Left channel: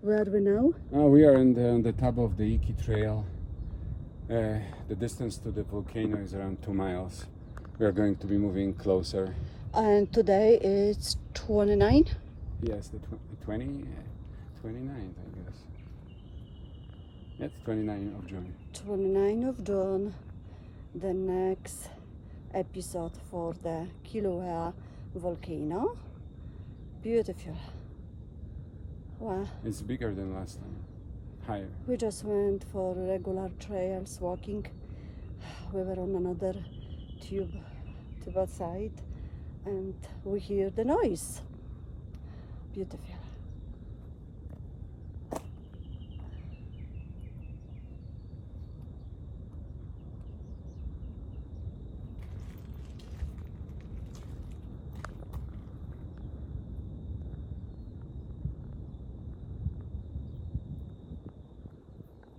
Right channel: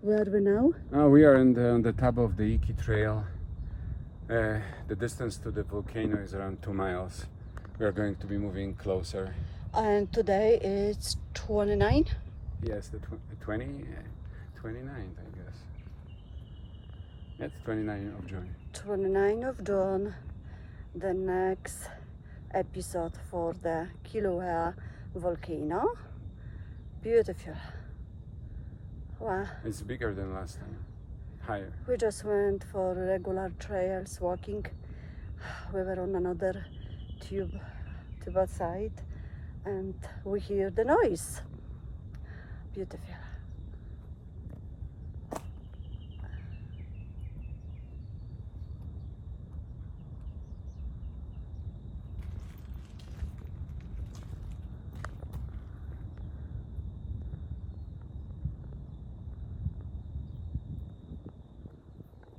Where are we now? We are on the top of the Iki Trail. The distance to the volcano is around 2 miles. We are going to be moving closer. And today it's 29. Yes, the 29th, I guess. It's 29th of June. 29th of June, the next episode for the Kilauea volcano. Beautiful. Wow. It's bigger than last time. Higher. We just went for regular trails, walking. We were on another tube outside, and we hear the noise. Beautiful.